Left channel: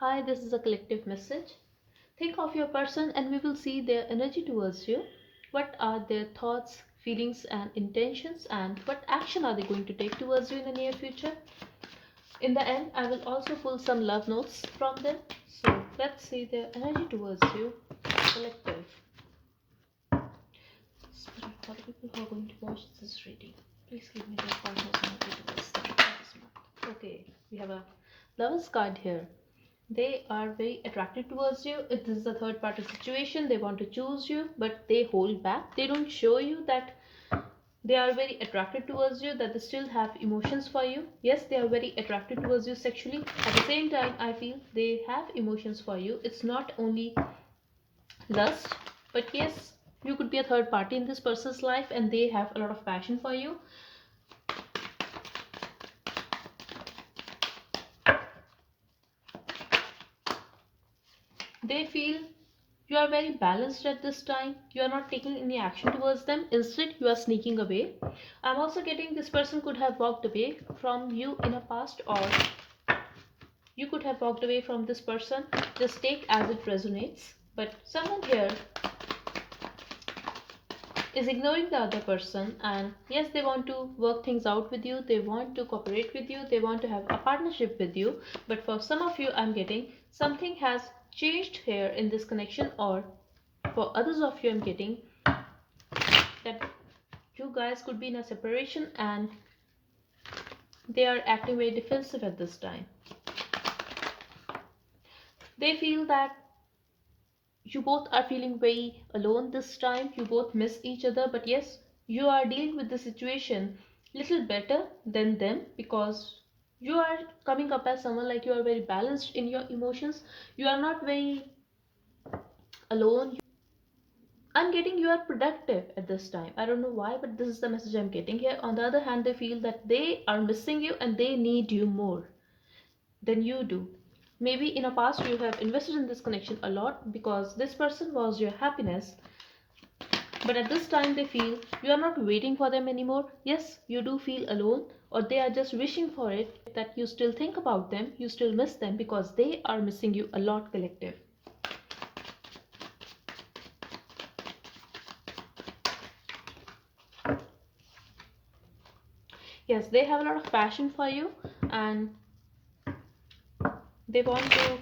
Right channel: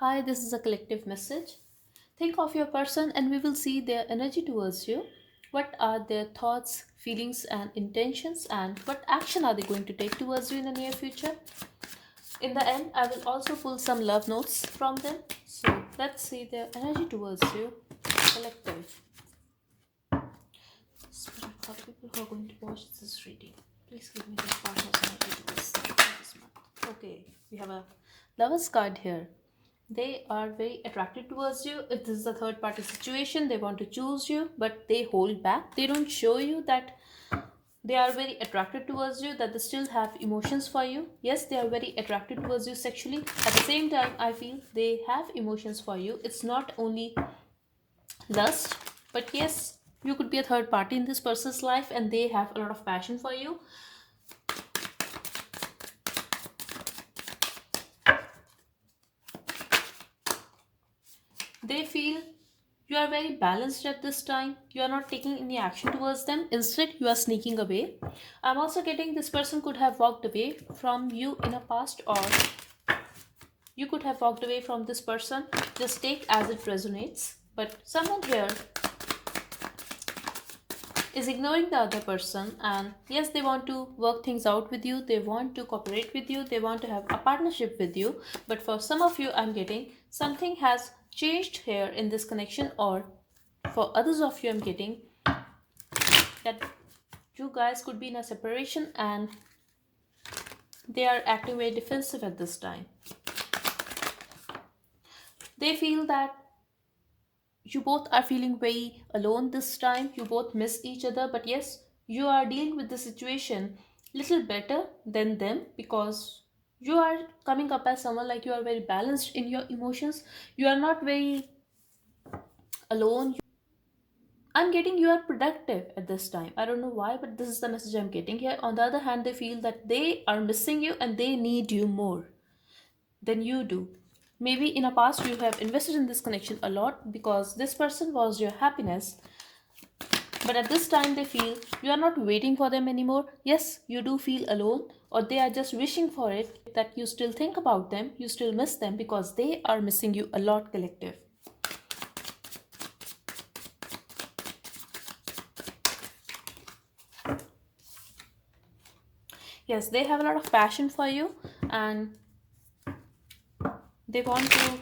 Hi, this is a collective message. Think of your person and we will see their energy towards you. What are their thoughts, feelings, and intentions, and what action are they going to take towards you in the near future? In the end, I will also pull some love notes from them. So let's see their energy towards you. Collective. Spirit guide people who are going to watch this reading. Please give me the partner's energy towards them this month. Okay, we have a lover's card here. They are very attracted towards you. If this is a third party situation, they want to choose you, but they hold back. They don't show you that they are very attracted towards you, that they still have emotions for you. Yes, they are very attracted towards you sexually. At the same time, I feel they have emotions for you. It's not only lust, but yes, you could be a third party in this person's life and they have a lot of passion for you. They feel you are very balanced at this time. You are not taking any action towards them. Instead, you are sneaking away. I'm also getting this person could have walked away from you in a past, or you could have walked away from this person. Just take as it resonates. But someone here is ignoring the other person, and yes, they want to work things out with you, they want to cooperate with you, they want to have a partnership with you. But for some of you, I'm getting something has changed here in this connection, or for others of you, I'm getting that you guys could be in a separation and they are acting very defensive at this time. They feel that you both are feeling very alone this time. You both miss each other, but yes, you are dealing with the situation little better than them, because you are coming up as someone like you are very balanced in your emotions. You are not very alone. I'm getting you are productive at this time. I don't know why, but this is the message I'm getting here. On the other hand, they feel that they are missing you and they need you more than you do. Maybe in a past you have invested in this connection a lot because this person was your happiness. But at this time, they feel you are not waiting for them anymore. Yes, you do feel alone, or they are just wishing for it, that you still think about them, you still miss them because they are missing you a lot, collective. Yes, they have a lot of passion for you and they want to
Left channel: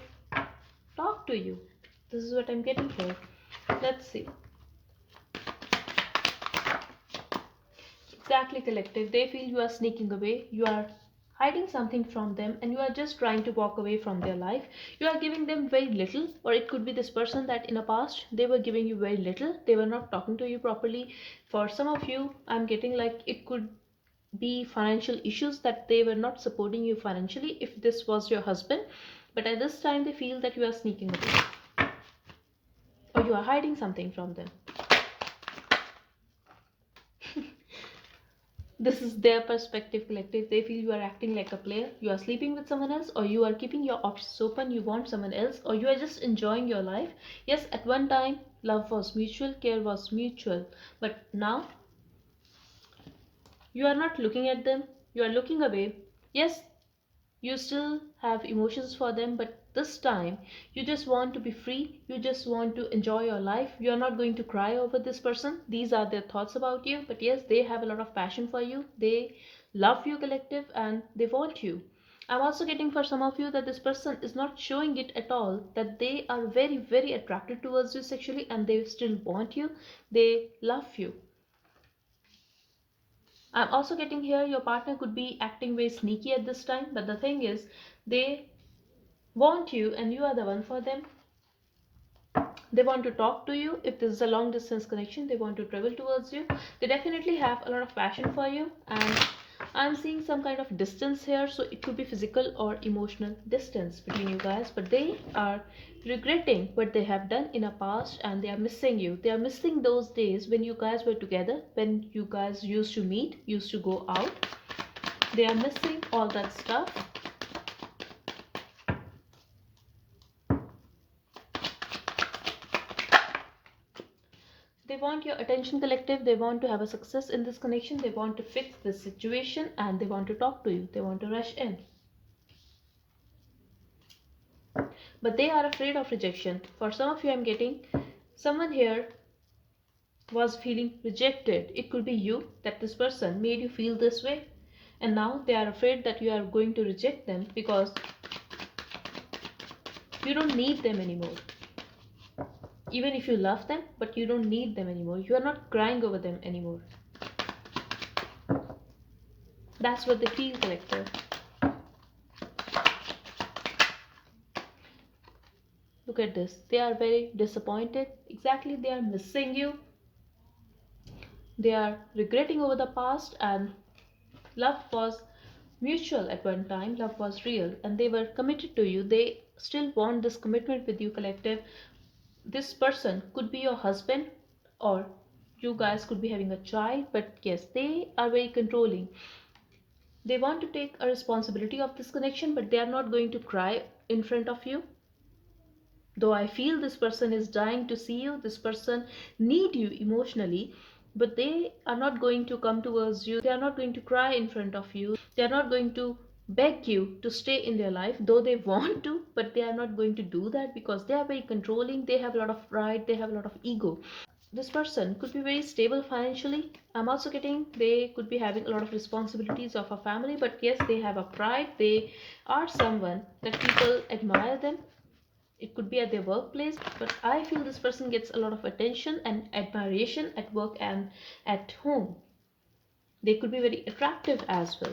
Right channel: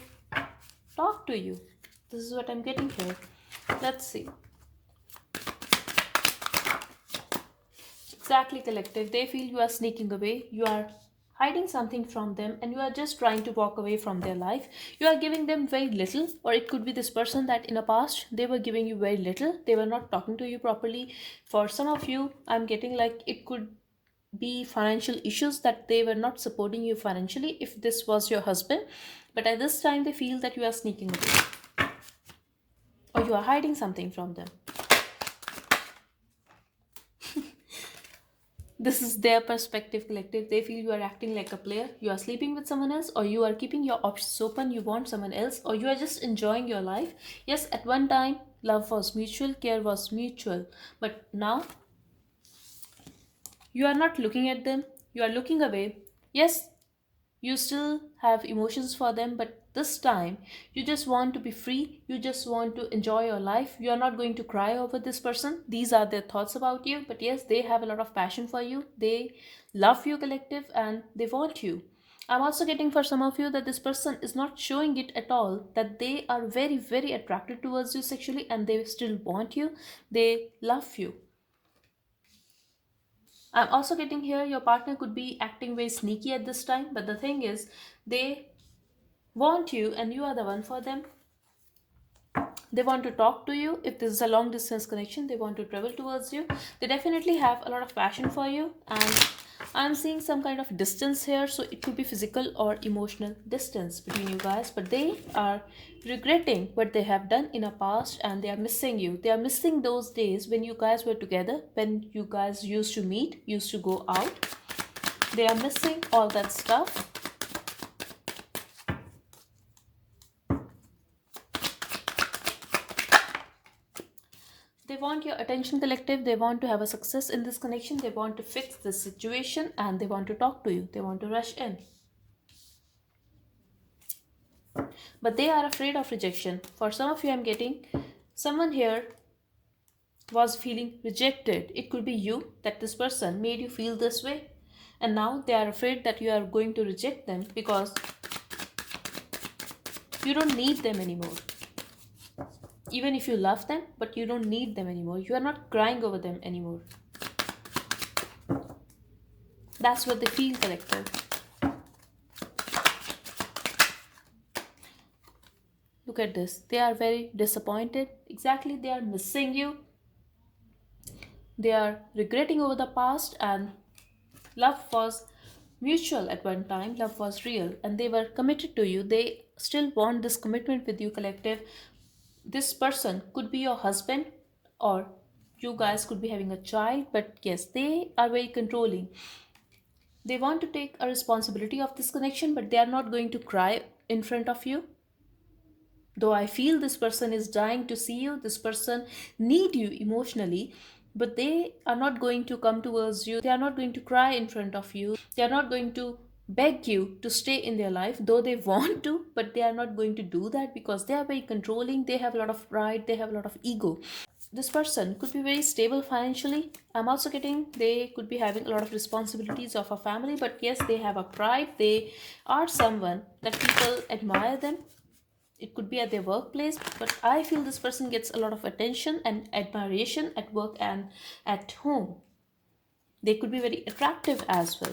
talk to you. This is what I'm getting here. Let's see. Exactly, collective. They feel you are sneaking away, you are hiding something from them, and you are just trying to walk away from their life. You are giving them very little, or it could be this person that in the past they were giving you very little, they were not talking to you properly. For some of you, I'm getting like it could be financial issues, that they were not supporting you financially if this was your husband. But at this time, they feel that you are sneaking away or you are hiding something from them. This is their perspective, collective. They feel you are acting like a player, you are sleeping with someone else, or you are keeping your options open, you want someone else, or you are just enjoying your life. Yes, at one time love was mutual, care was mutual, but now you are not looking at them, you are looking away. Yes, you still have emotions for them, but this time you just want to be free, you just want to enjoy your life. You are not going to cry over this person. These are their thoughts about you, but yes, they have a lot of passion for you, they love you, collective, and they want you. I'm also getting for some of you that this person is not showing it at all, that they are very very attracted towards you sexually and they still want you, they love you. I'm also getting here your partner could be acting very sneaky at this time, but the thing is, they want you and you are the one for them. They want to talk to you. If this is a long distance connection, they want to travel towards you. They definitely have a lot of passion for you, and I'm seeing some kind of distance here, so it could be physical or emotional distance between you guys, but they are regretting what they have done in the past and they are missing you. They are missing those days when you guys were together, when you guys used to meet, used to go out. They are missing all that stuff. They want your attention, collective. They want to have a success in this connection. They want to fix this situation and they want to talk to you. They want to rush in. but they are afraid of rejection. For some of you, I'm getting someone here was feeling rejected. It could be you, that this person made you feel this way, and now they are afraid that you are going to reject them because you don't need them anymore. Even if you love them, but you don't need them anymore. You are not crying over them anymore. That's what they feel, collective. Look at this. They are very disappointed. Exactly, they are missing you. They are regretting over the past, and love was mutual at one time. Love was real, and they were committed to you. They still want this commitment with you, collective. This person could be your husband, or you guys could be having a child, but yes, they are very controlling. They want to take a responsibility of this connection, but they are not going to cry in front of you. Though I feel this person is dying to see you, this person need you emotionally, but they are not going to come towards you. They are not going to cry in front of you. They are not going to beg you to stay in their life, though they want to, but they are not going to do that because they are very controlling. They have a lot of pride, they have a lot of ego. This person could be very stable financially. I'm also getting they could be having a lot of responsibilities of a family, but yes, they have a pride. They are someone that people admire them. It could be at their workplace, but I feel this person gets a lot of attention and admiration at work and at home. They could be very attractive as well,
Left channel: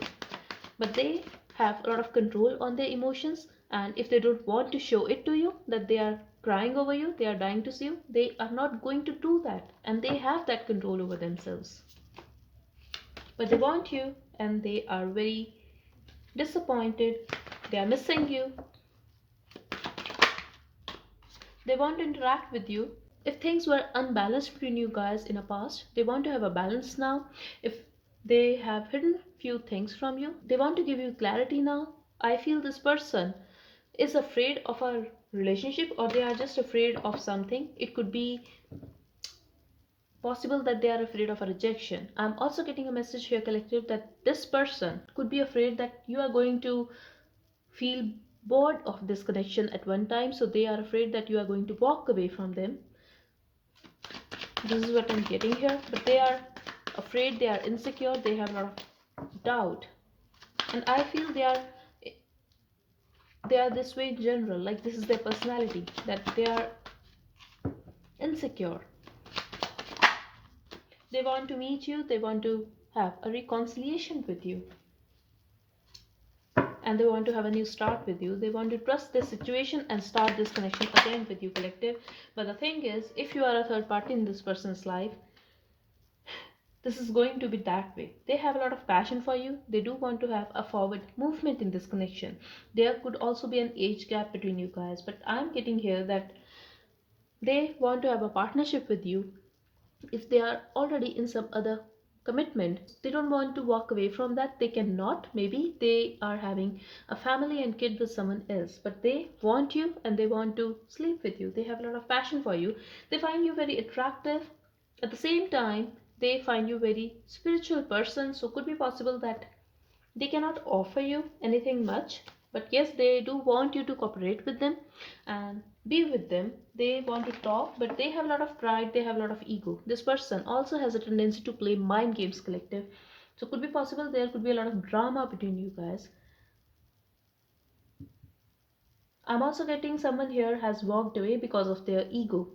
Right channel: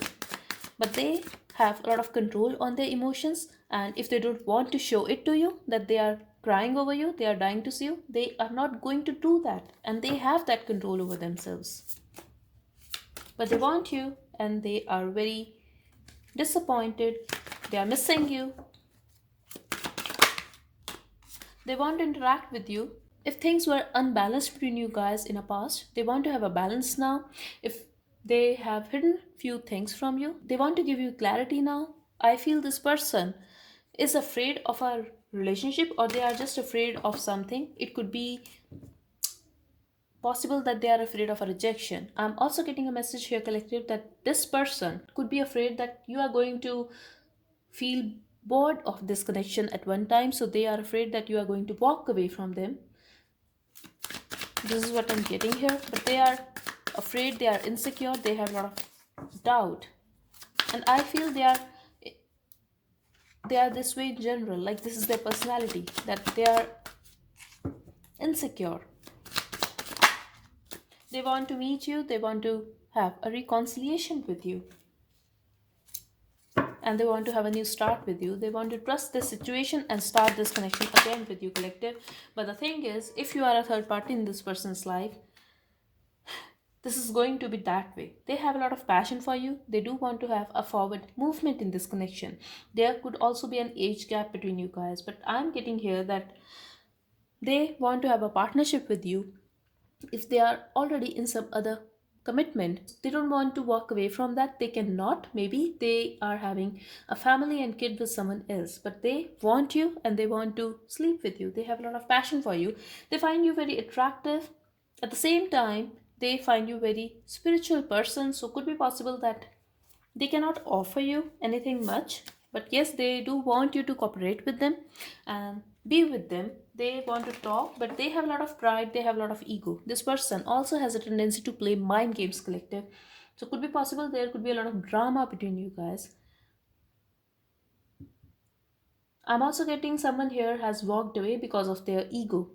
but they have a lot of control on their emotions, and if they don't want to show it to you that they are crying over you, they are dying to see you, they are not going to do that, and they have that control over themselves. But they want you, and they are very disappointed. They are missing you. They want to interact with you. If things were unbalanced between you guys in the past, they want to have a balance now. If they have hidden few things from you, they want to give you clarity now. I feel this person is afraid of a relationship, or they are just afraid of something. It could be possible that they are afraid of a rejection. I'm also getting a message here, collective, that this person could be afraid that you are going to feel bored of this connection at one time, so they are afraid that you are going to walk away from them. This is what I'm getting here, but they are afraid, they are insecure, they have a lot of doubt, and I feel they are this way in general. Like, this is their personality, that they are insecure. They want to meet you, they want to have a reconciliation with you, and they want to have a new start with you. They want to trust this situation and start this connection again with you, collective. But the thing is, if you are a third party in this person's life, this is going to be that way. They have a lot of passion for you. They do want to have a forward movement in this connection. There could also be an age gap between you guys, but I'm getting here that they want to have a partnership with you. If they are already in some other commitment, they don't want to walk away from that. They cannot. Maybe they are having a family and kid with someone else, but they want you and they want to sleep with you. They have a lot of passion for you. They find you very attractive. At the same time, they find you very spiritual person, so could be possible that they cannot offer you anything much, but yes, they do want you to cooperate with them and be with them. They want to talk, but they have a lot of pride, they have a lot of ego. This person also has a tendency to play mind games, collective. So could be possible there could be a lot of drama between you guys. I'm also getting someone here has walked away because of their ego.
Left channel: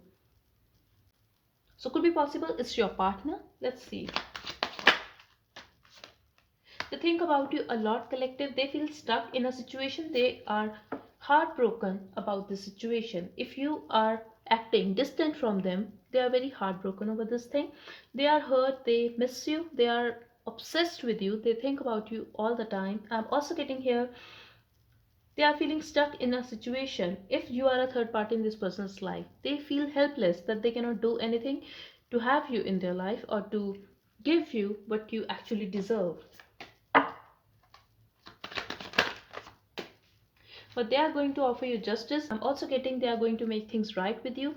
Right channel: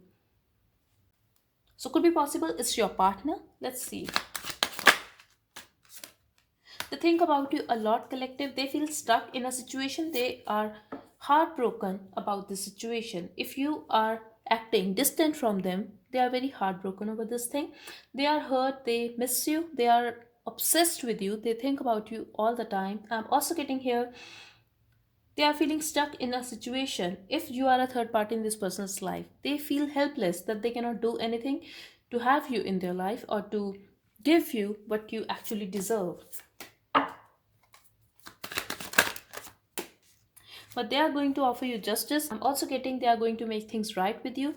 So could be possible it's your partner. Let's see. They think about you a lot, collective. They feel stuck in a situation. They are heartbroken about the situation. If you are acting distant from them, they are very heartbroken over this thing. They are hurt, they miss you, they are obsessed with you, they think about you all the time. I'm also getting here they are feeling stuck in a situation. If you are a third party in this person's life, they feel helpless that they cannot do anything to have you in their life or to give you what you actually deserve. But they are going to offer you justice. I'm also getting they are going to make things right with you.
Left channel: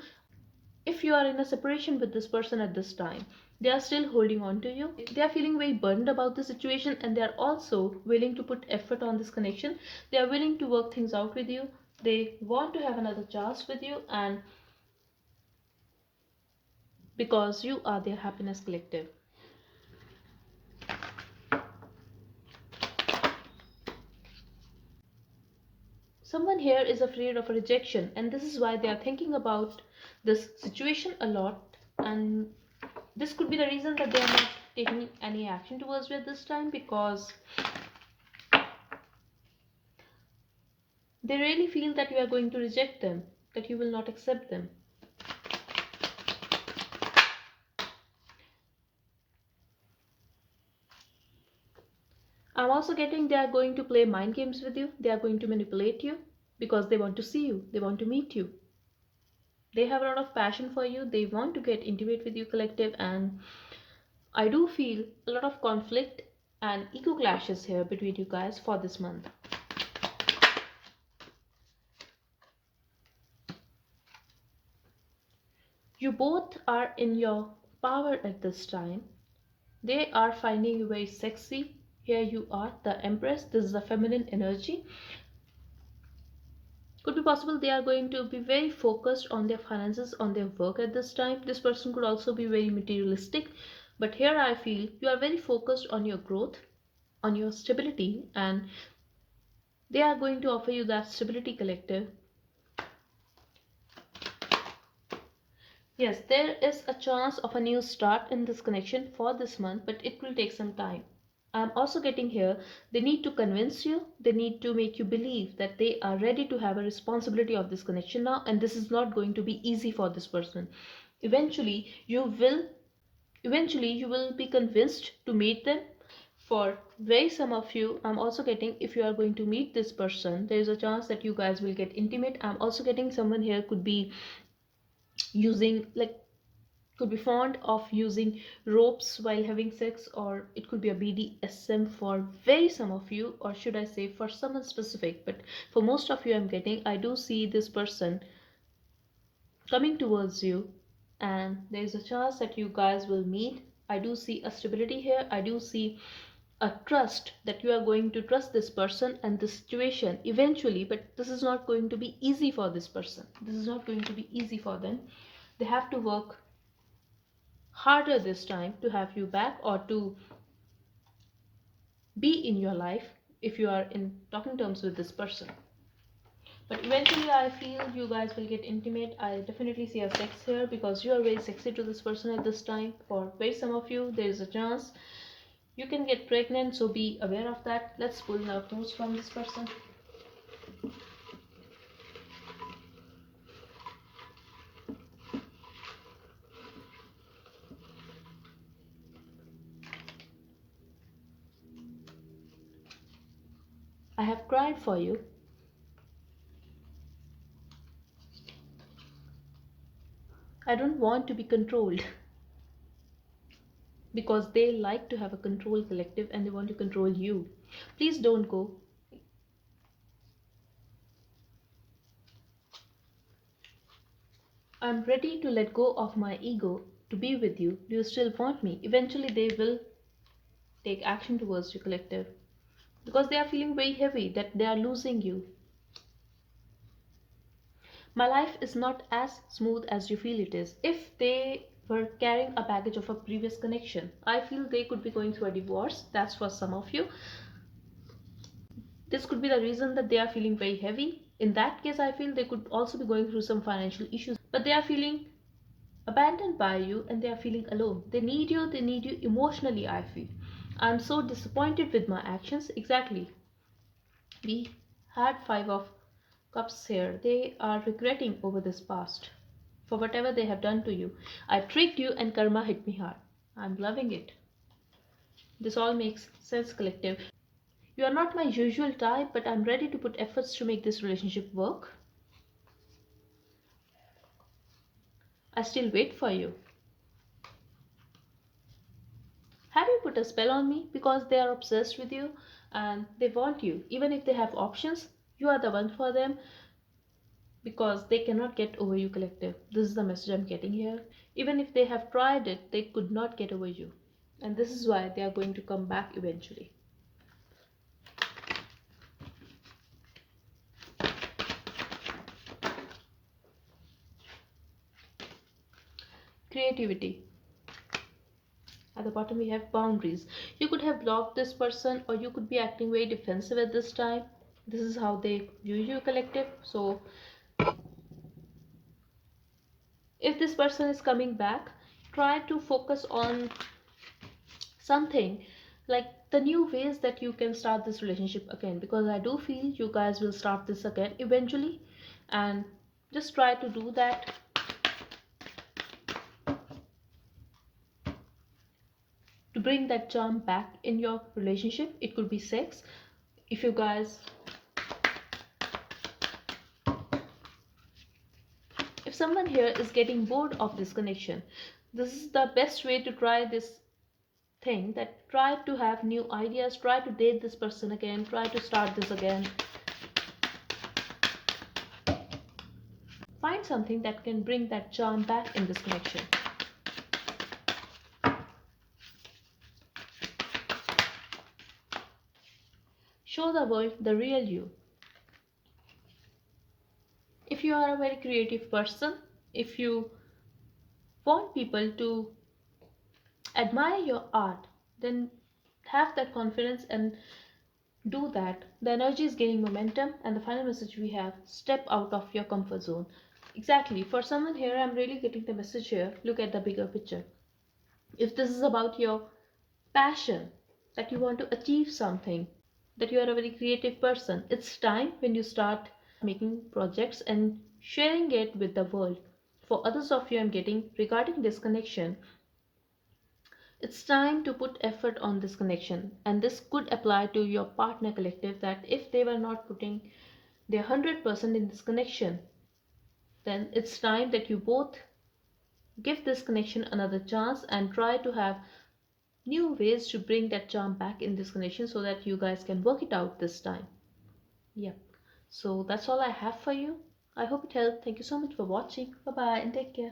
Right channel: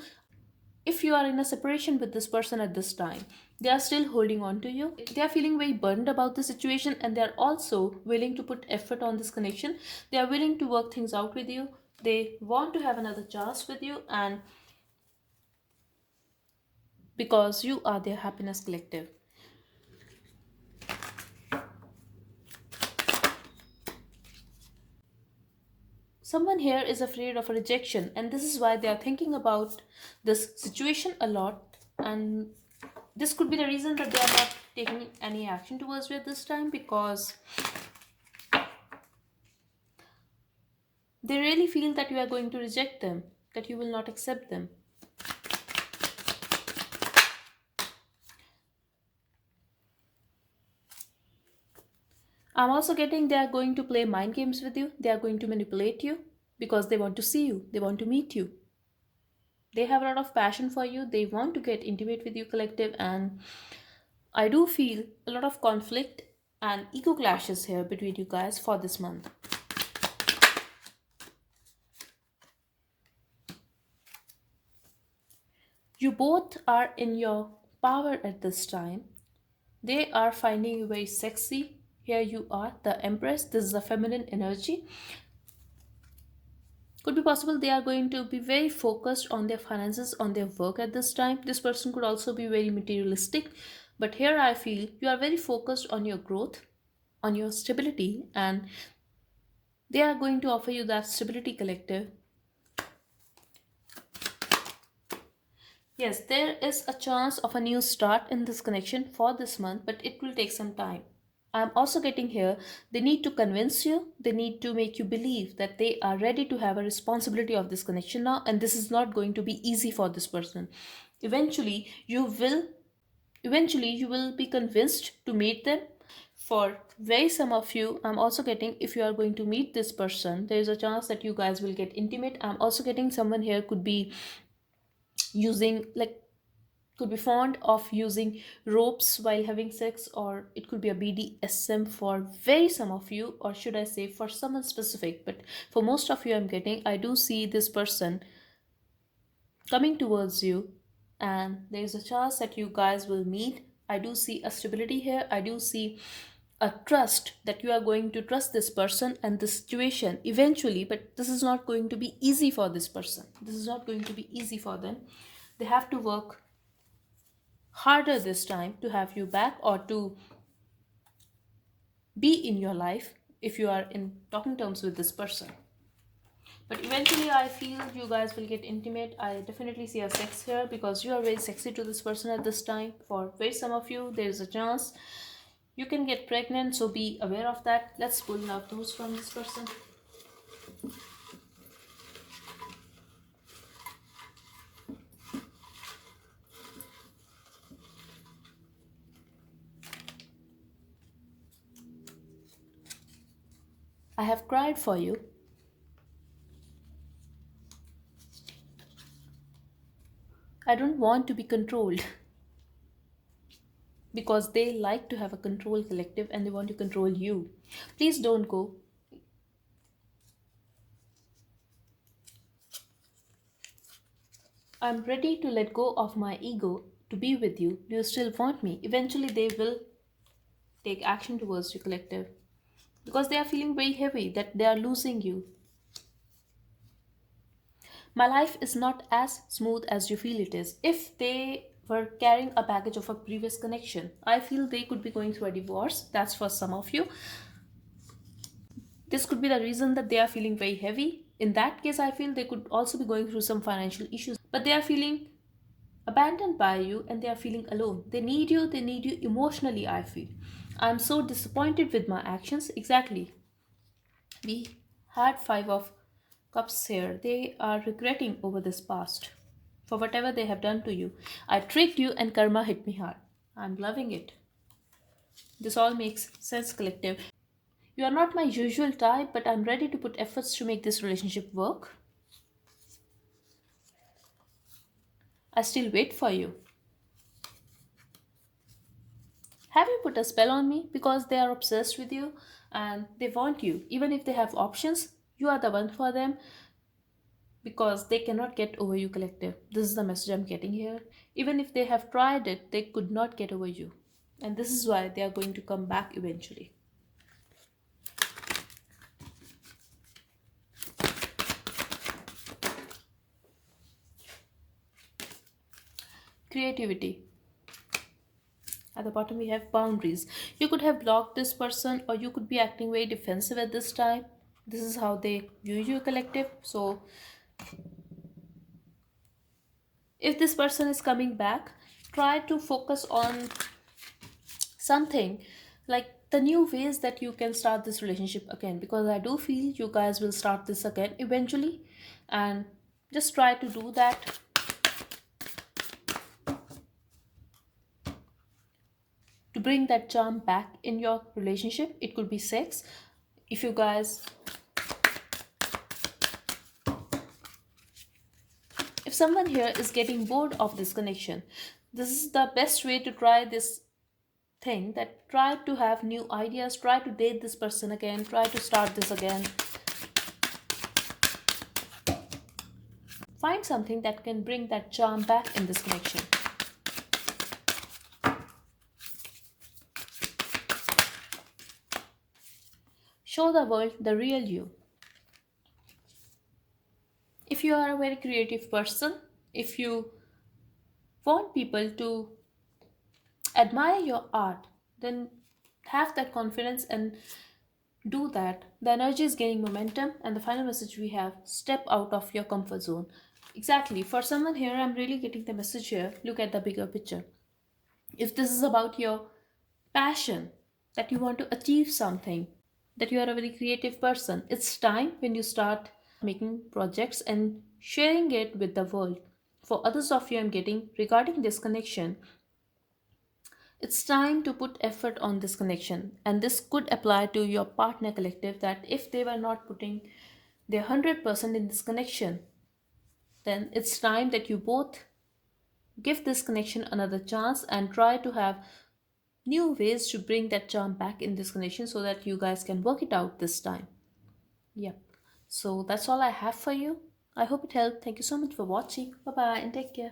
If you are in a separation with this person at this time, they are still holding on to you. They are feeling very burdened about the situation, and they are also willing to put effort on this connection. They are willing to work things out with you. They want to have another chance with you, and because you are their happiness collective. Someone here is afraid of a rejection, and this is why they are thinking about this situation a lot. And this could be the reason that they are not taking any action towards you at this time, because they really feel that you are going to reject them, that you will not accept them. I'm also getting they are going to play mind games with you, they are going to manipulate you because they want to see you, they want to meet you. They have a lot of passion for you, they want to get intimate with you, collective, and I do feel a lot of conflict and ego clashes here between you guys for this month. You both are in your power at this time. They are finding you very sexy. Here you are, the Empress. This is the feminine energy. Could be possible they are going to be very focused on their finances, on their work at this time. This person could also be very materialistic. But here I feel you are very focused on your growth, on your stability, and they are going to offer you that stability, collective. Yes, there is a chance of a new start in this connection for this month, but it will take some time. I'm also getting here, they need to convince you, they need to make you believe that they are ready to have a responsibility of this connection now, and this is not going to be easy for this person. Eventually, you will be convinced to meet them. For very some of you, I'm also getting, if you are going to meet this person, there is a chance that you guys will get intimate. I'm also getting someone here could be using, like, could be fond of using ropes while having sex, or it could be a BDSM for very some of you, or should I say for someone specific. But for most of you, I'm getting, I do see this person coming towards you, and there is a chance that you guys will meet. I do see a stability here, I do see a trust that you are going to trust this person and the situation eventually, but this is not going to be easy for this person, this is not going to be easy for them. They have to work harder this time to have you back, or to be in your life if you are in talking terms with this person. But eventually, I feel you guys will get intimate. I definitely see a sex here because you are very sexy to this person at this time. For very some of you, there is a chance you can get pregnant, so be aware of that. Let's pull out those from this person. I have cried for you. I don't want to be controlled because they like to have a control, collective, and they want to control you. Please don't go. I'm ready to let go of my ego to be with you. Do you still want me? Eventually, they will take action towards you, collective, because they are feeling very heavy that they are losing you. My life is not as smooth as you feel it is. If they were carrying a baggage of a previous connection, I feel they could be going through a divorce. That's for some of you. This could be the reason that they are feeling very heavy. In that case, I feel they could also be going through some financial issues, but they are feeling abandoned by you and they are feeling alone. They need you emotionally, I feel. I'm so disappointed with my actions. Exactly. We had 5 of cups here. They are regretting over this past for whatever they have done to you. I tricked you and karma hit me hard. I'm loving it. This all makes sense, collective. You are not my usual type, but I'm ready to put efforts to make this relationship work. I still wait for you. Have you put a spell on me? Because they are obsessed with you and they want you. Even if they have options, you are the one for them because they cannot get over you, collective. This is the message I'm getting here. Even if they have tried it, they could not get over you. And this is why they are going to come back eventually. Creativity. At the bottom, we have boundaries. You could have blocked this person, or you could be acting very defensive at this time. This is how they view you, collective. So, if this person is coming back, try to focus on something like the new ways that you can start this relationship again, because I do feel you guys will start this again eventually. And just try to do that to bring that charm back in your relationship. It could be sex. If you guys, if someone here is getting bored of this connection, this is the best way to try this thing, that try to have new ideas, try to date this person again, try to start this again. Find something that can bring that charm back in this connection. Show the world the real you. If you are a very creative person, if you want people to admire your art, then have that confidence and do that. The energy is gaining momentum, and the final message we have, step out of your comfort zone. Exactly. For someone here, I'm really getting the message here. Look at the bigger picture. If this is about your passion, that you want to achieve something, that you are a very creative person, it's time when you start making projects and sharing it with the world. For others of you, I'm getting regarding this connection, it's time to put effort on this connection. And this could apply to your partner, collective, that if they were not putting their 100% in this connection, then it's time that you both give this connection another chance and try to have new ways to bring that charm back in this connection, so that you guys can work it out this time. Yep. So that's all I have for you. I hope it helped. Thank you so much for watching. Bye bye and take care.